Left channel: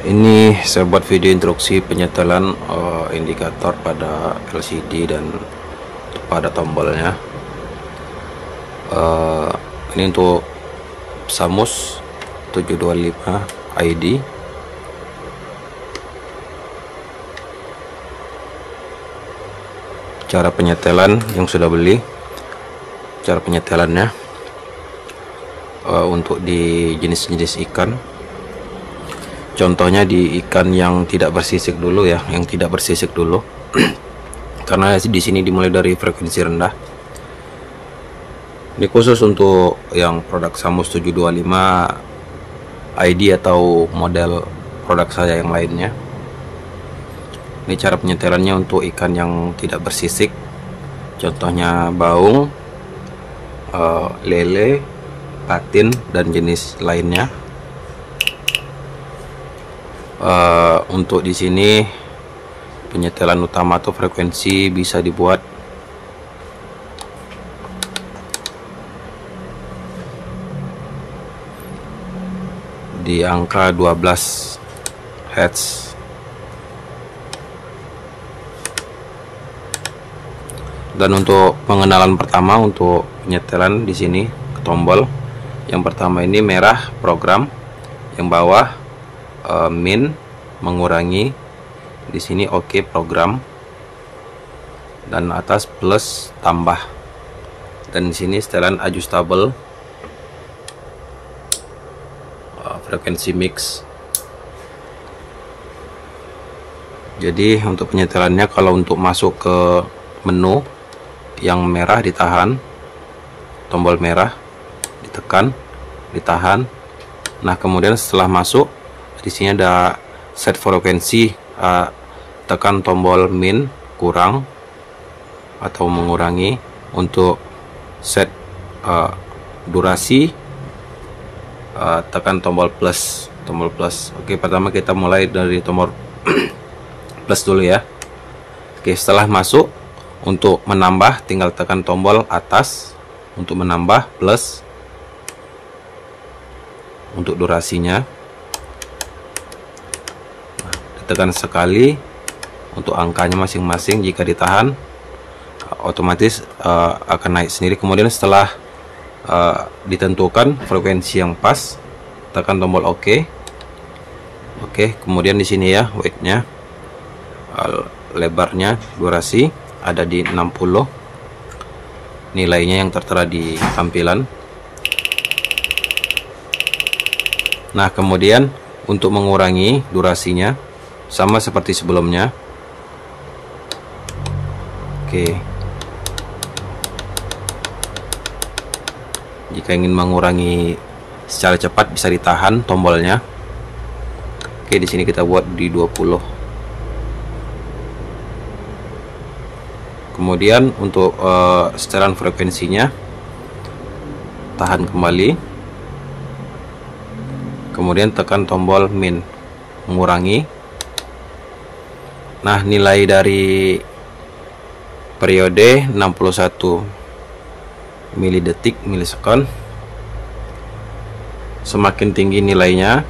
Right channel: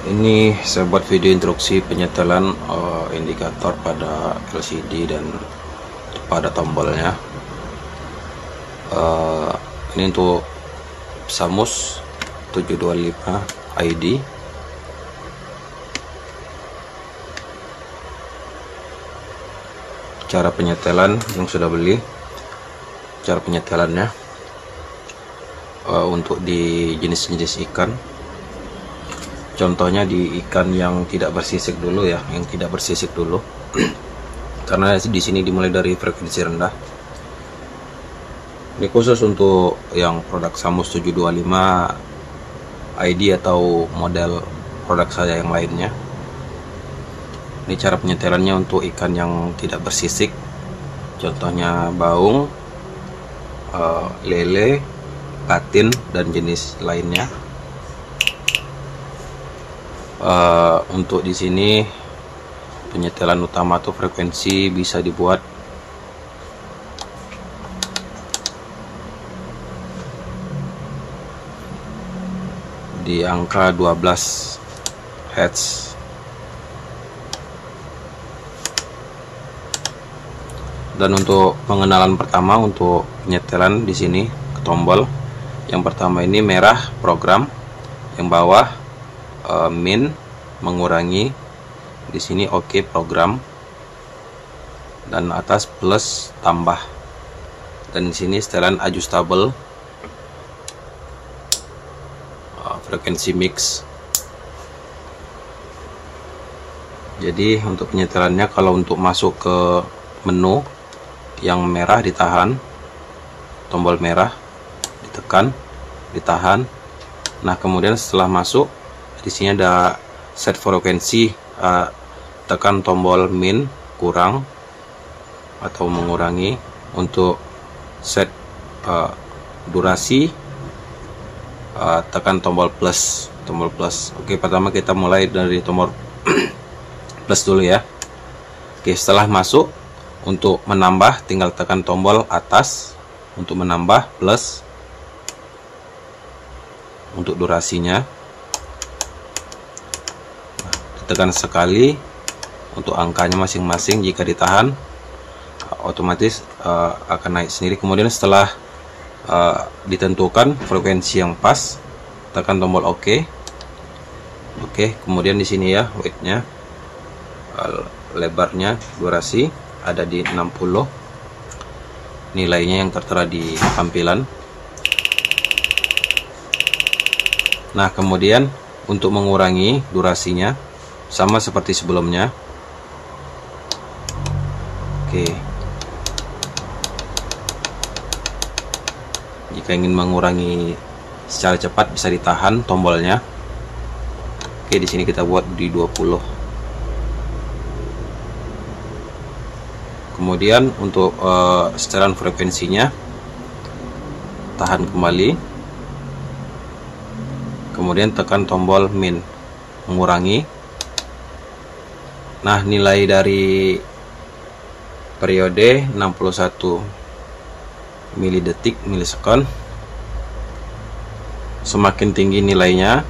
Ini saya buat video instruksi penyetelan indikator pada LCD dan pada tombolnya. Ini untuk Samus 725 ID. Cara penyetelan yang sudah beli, cara penyetelannya untuk di jenis-jenis ikan. Contohnya di ikan yang tidak bersisik dulu ya, yang tidak bersisik dulu. Karena di sini dimulai dari frekuensi rendah. Ini khusus untuk yang produk Samus 725 ID atau model produk saya yang lainnya. Ini cara penyetelannya untuk ikan yang tidak bersisik. Contohnya baung, lele, patin dan jenis lainnya. Untuk di sini penyetelan utama atau frekuensi bisa dibuat di angka 12 Hz. Dan untuk pengenalan pertama untuk penyetelan di sini ke tombol. Yang pertama ini merah program, yang bawah min mengurangi, di sini oke program, dan atas plus tambah, dan di sini setelan adjustable frekuensi mix. Jadi untuk penyetelannya, kalau untuk masuk ke menu yang merah ditahan, tombol merah ditekan, ditahan. Nah kemudian setelah masuk, di sini ada set frekuensi, tekan tombol min kurang atau mengurangi. Untuk set durasi, tekan tombol plus, Oke, pertama kita mulai dari tombol plus dulu ya. Oke, setelah masuk, untuk menambah tinggal tekan tombol atas untuk menambah plus. Untuk durasinya tekan sekali. Untuk angkanya masing-masing, jika ditahan otomatis akan naik sendiri. Kemudian setelah ditentukan frekuensi yang pas, tekan tombol OK. Oke, kemudian di sini ya weightnya, lebarnya, durasi ada di 60, nilainya yang tertera di tampilan. Nah kemudian untuk mengurangi durasinya sama seperti sebelumnya. Oke, jika ingin mengurangi secara cepat bisa ditahan tombolnya. Oke, di sini kita buat di 20. Kemudian untuk setelan frekuensinya, tahan kembali, kemudian tekan tombol min mengurangi. Nah nilai dari periode 61 milisekon. Semakin tinggi nilainya,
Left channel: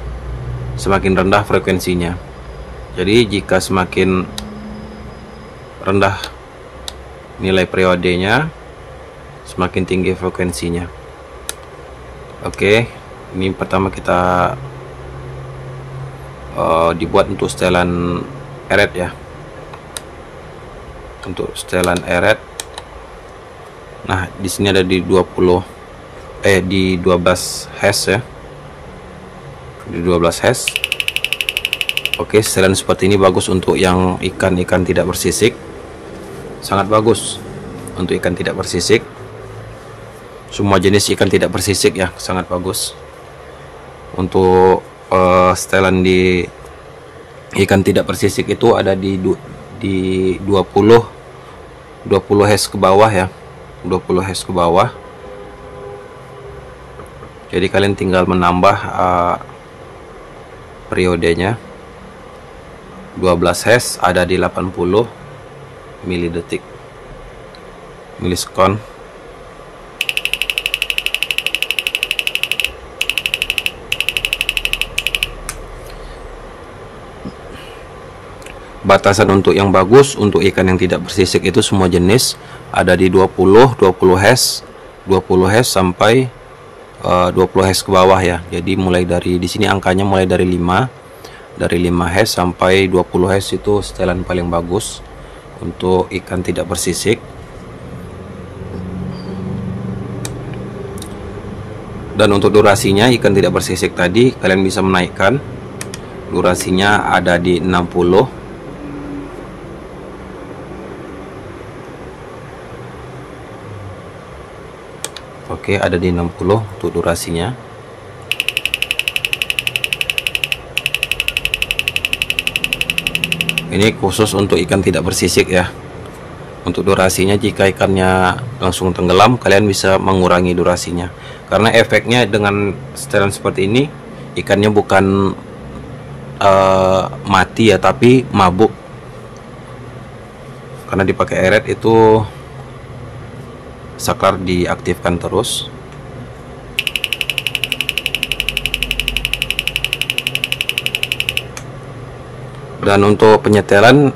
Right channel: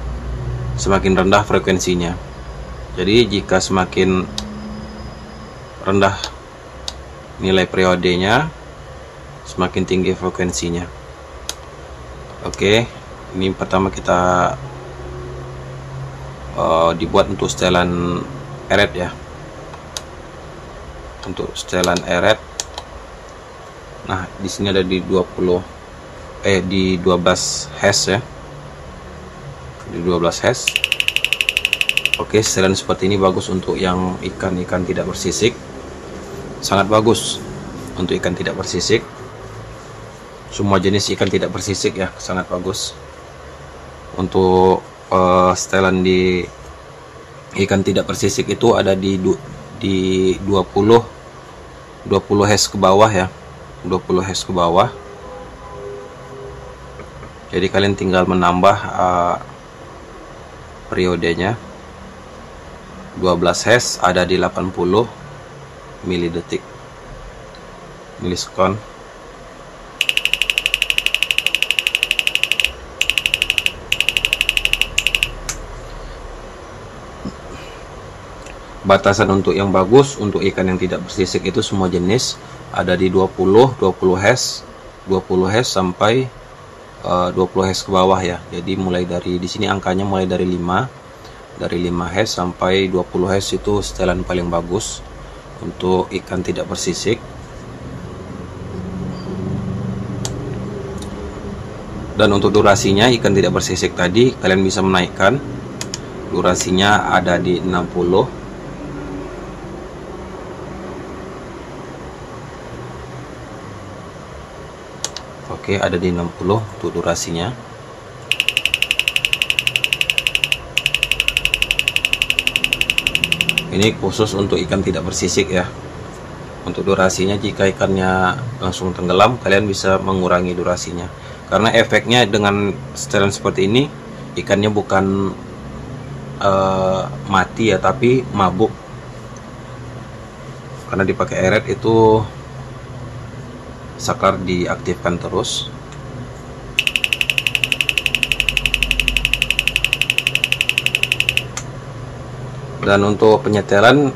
semakin rendah frekuensinya. Jadi jika semakin rendah nilai periodenya, semakin tinggi frekuensinya. Oke, ini pertama kita dibuat untuk setelan eret ya. Untuk setelan eret, nah di sini ada di 12 Hz ya, di 12 Hz. Oke, setelan seperti ini bagus untuk yang ikan-ikan tidak bersisik, sangat bagus untuk ikan tidak bersisik. Semua jenis ikan tidak bersisik ya, sangat bagus. Untuk setelan di ikan tidak bersisik itu ada di 20 Hz ke bawah ya, 20 Hz ke bawah. Jadi kalian tinggal menambah periodenya. 12 Hz ada di 80 milisekon. batasan untuk yang bagus untuk ikan yang tidak bersisik itu semua jenis ada di 20 hash sampai 20 hash ke bawah ya. Jadi mulai dari di sini angkanya mulai dari 5 hash sampai 20 hash itu setelan paling bagus untuk ikan tidak bersisik. Dan untuk durasinya ikan tidak bersisik tadi kalian bisa menaikkan durasinya ada di 60. Oke, ada di 60 untuk durasinya. Ini khusus untuk ikan tidak bersisik ya. Untuk durasinya jika ikannya langsung tenggelam kalian bisa mengurangi durasinya. Karena efeknya dengan setelan seperti ini ikannya bukan mati ya, tapi mabuk. Karena dipakai eret itu saklar diaktifkan terus. Dan untuk penyetelan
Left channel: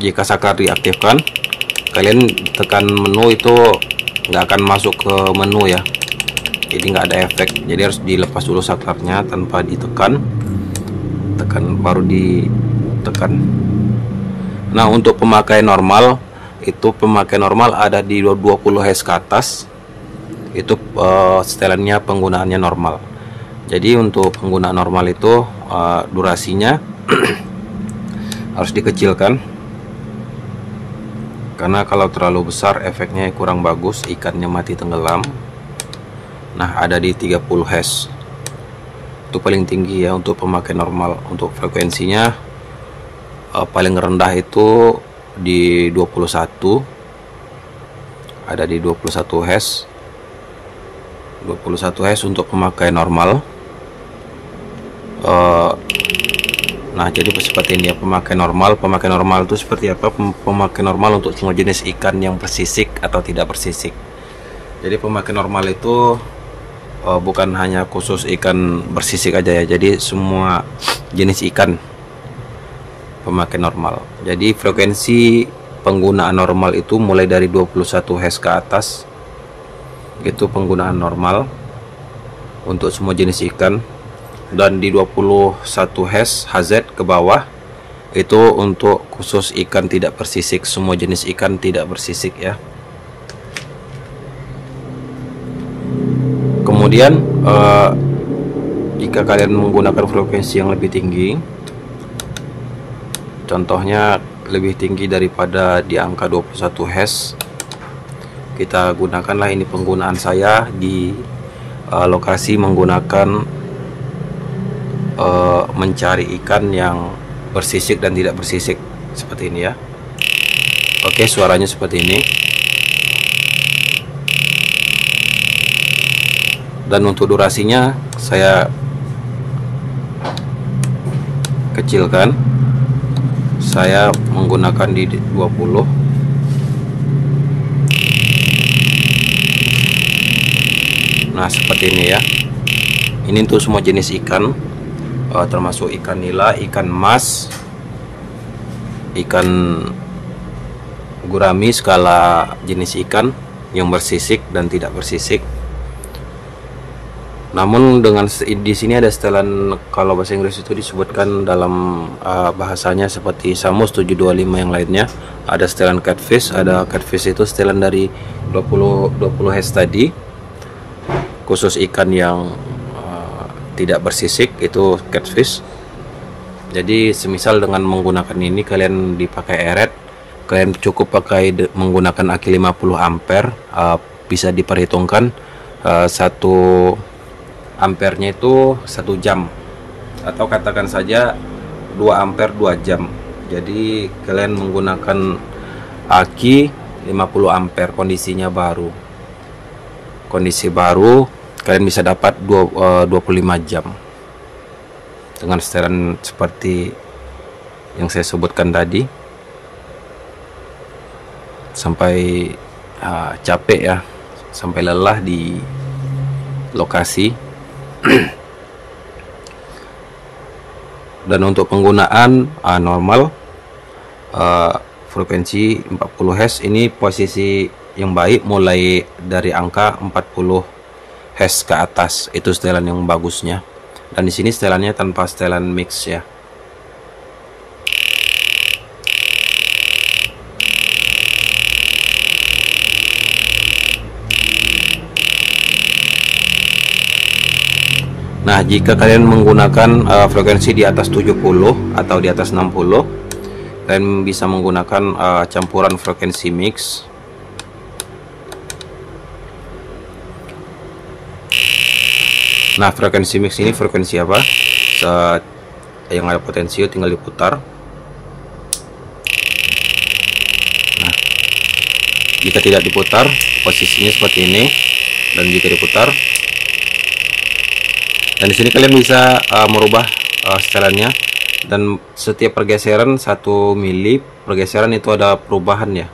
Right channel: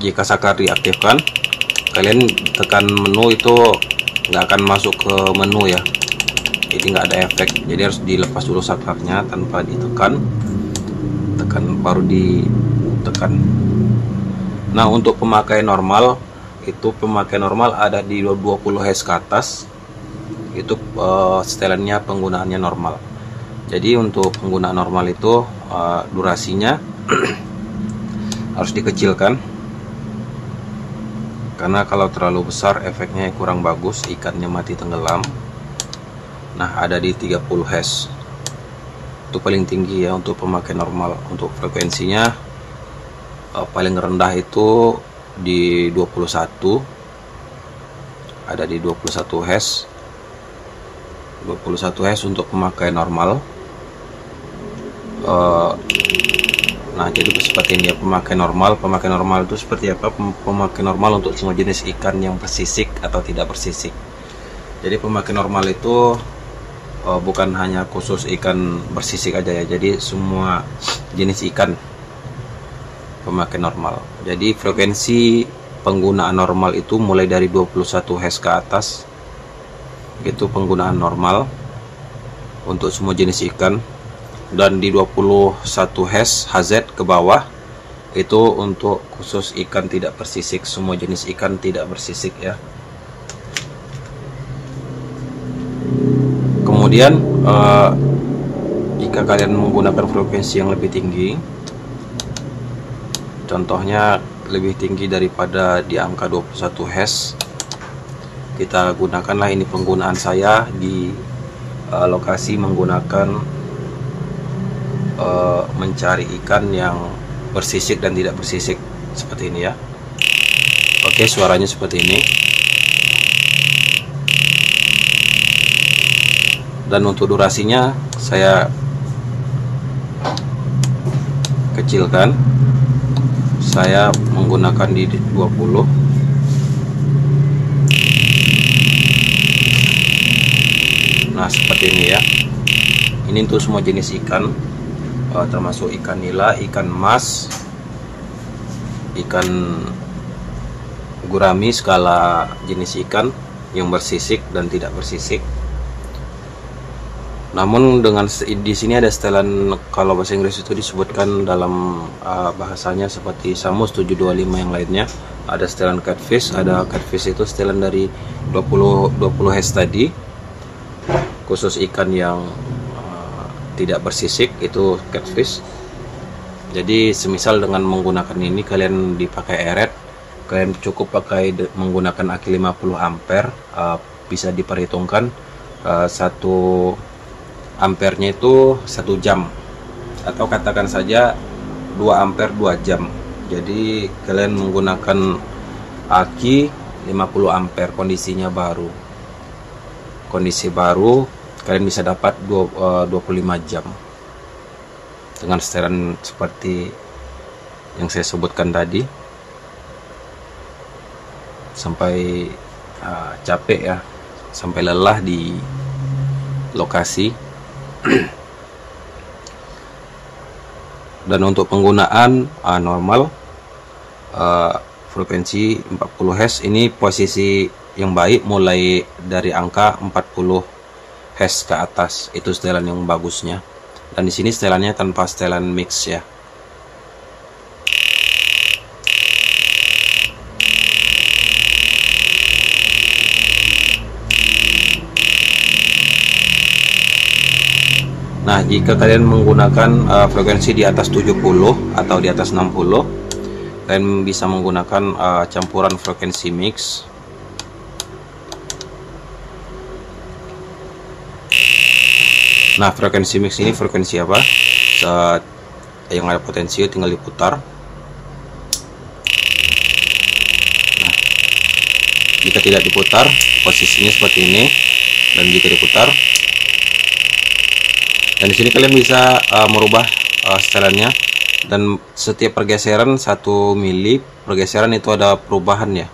jika saklar diaktifkan kalian tekan menu itu nggak akan masuk ke menu ya, jadi nggak ada efek. Jadi harus dilepas dulu saklarnya tanpa ditekan, baru ditekan. Nah untuk pemakaian normal itu ada di 20 hash ke atas itu setelannya penggunaannya normal. Jadi untuk penggunaan normal itu durasinya harus dikecilkan karena kalau terlalu besar efeknya kurang bagus, ikannya mati tenggelam. Nah ada di 30 hash itu paling tinggi ya untuk pemakaian normal. Untuk frekuensinya paling rendah itu di 21, ada di 21 hash untuk pemakaian normal. Nah jadi seperti ini ya pemakaian normal itu seperti apa? Pemakaian normal untuk semua jenis ikan yang bersisik atau tidak bersisik. Jadi pemakaian normal itu bukan hanya khusus ikan bersisik aja ya, jadi semua jenis ikan pemakaian normal. Jadi frekuensi penggunaan normal itu mulai dari 21 hash ke atas itu penggunaan normal untuk semua jenis ikan, dan di 21 hash HZ ke bawah itu untuk khusus ikan tidak bersisik, semua jenis ikan tidak bersisik ya. Kemudian jika kalian menggunakan frekuensi yang lebih tinggi, contohnya lebih tinggi daripada di angka 21 hash, kita gunakanlah ini penggunaan saya di lokasi menggunakan mencari ikan yang bersisik dan tidak bersisik seperti ini ya. Oke, suaranya seperti ini. Dan untuk durasinya saya kecilkan, saya menggunakan di 20. Nah seperti ini ya. Ini untuk semua jenis ikan, termasuk ikan nila, ikan mas, ikan gurami, skala jenis ikan yang bersisik dan tidak bersisik. Namun dengan di sini ada setelan, kalau bahasa Inggris itu disebutkan dalam bahasanya seperti Samus 725 yang lainnya, ada setelan catfish. Ada catfish itu setelan dari 20 hash tadi, khusus ikan yang tidak bersisik itu catfish. Jadi semisal dengan menggunakan ini kalian dipakai eret, kalian cukup pakai menggunakan aki 50 ampere, bisa diperhitungkan 1 ampernya itu 1 jam, atau katakan saja 2 ampere 2 jam. Jadi kalian menggunakan aki 50 ampere kondisi baru kalian bisa dapat 25 jam dengan setelan seperti yang saya sebutkan tadi, sampai capek ya, sampai lelah di lokasi. Dan untuk penggunaan normal, frekuensi 40 Hz ini posisi yang baik mulai dari angka 40 Hz ke atas, itu setelan yang bagusnya. Dan di sini setelannya tanpa setelan mix ya. Nah, jika kalian menggunakan frekuensi di atas 70 atau di atas 60, kalian bisa menggunakan campuran frekuensi mix. Nah, frekuensi mix ini frekuensi apa? Yang ada potensio tinggal diputar. Nah, jika tidak diputar, posisinya seperti ini. Dan jika diputar, dan di sini kalian bisa merubah setelannya. Dan setiap pergeseran 1 mili pergeseran itu ada perubahan ya.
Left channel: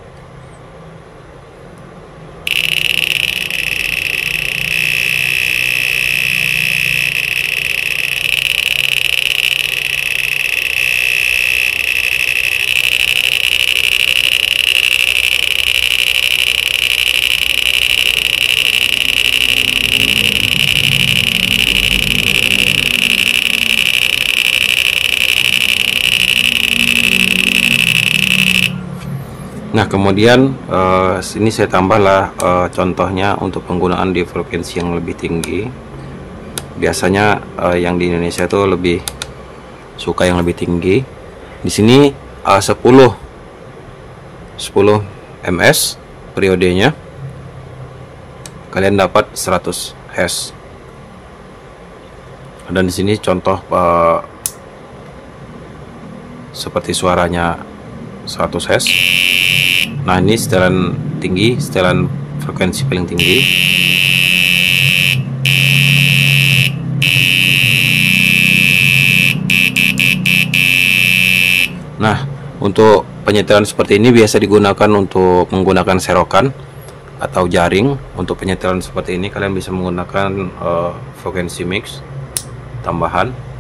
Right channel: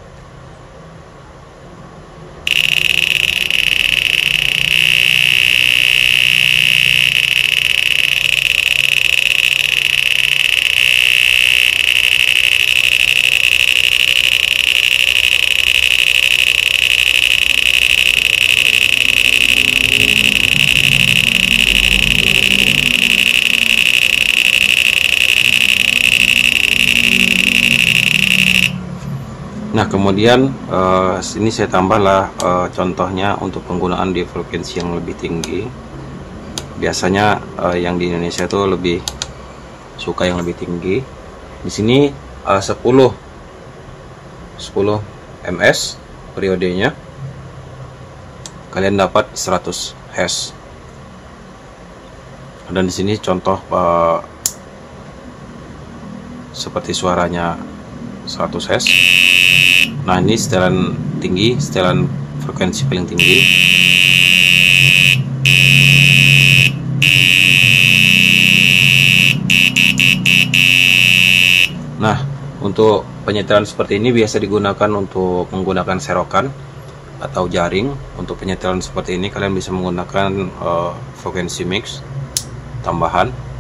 Nah, kemudian sini saya tambahlah contohnya untuk penggunaan di frekuensi yang lebih tinggi. Biasanya yang di Indonesia itu lebih suka yang lebih tinggi. Di sini 10 ms periodenya, kalian dapat 100 Hz. Dan di sini contoh seperti suaranya 100 Hz. Nah, ini setelan tinggi, setelan frekuensi paling tinggi. Nah, untuk penyetelan seperti ini biasa digunakan untuk menggunakan serokan atau jaring. Untuk penyetelan seperti ini kalian bisa menggunakan frekuensi mix tambahan.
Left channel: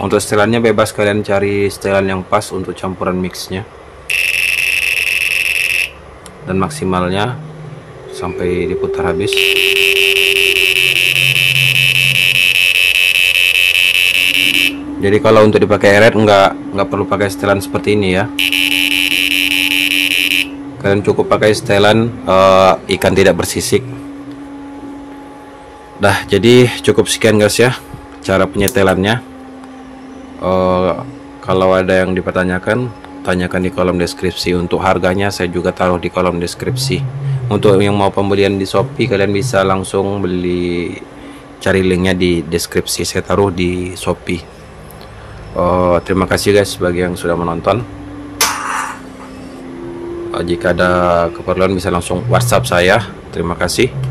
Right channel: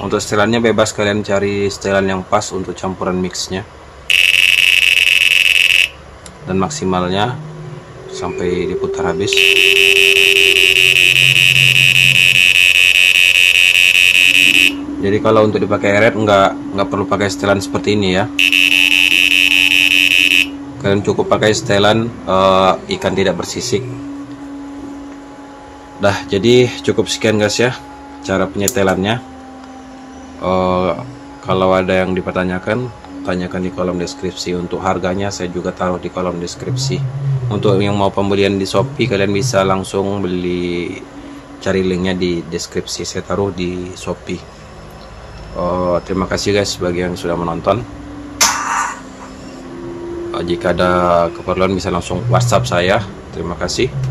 Untuk setelannya bebas, kalian cari setelan yang pas untuk campuran mixnya. Dan maksimalnya sampai diputar habis. Jadi kalau untuk dipakai eret nggak perlu pakai setelan seperti ini ya. Kalian cukup pakai setelan ikan tidak bersisik. Dah, jadi cukup sekian guys ya cara penyetelannya. Kalau ada yang dipertanyakan, tanyakan di kolom deskripsi. Untuk harganya saya juga taruh di kolom deskripsi. Untuk yang mau pembelian di Shopee, kalian bisa langsung beli, cari linknya di deskripsi, saya taruh di Shopee. Terima kasih guys bagi yang sudah menonton. Jika ada keperluan bisa langsung WhatsApp saya. Terima kasih.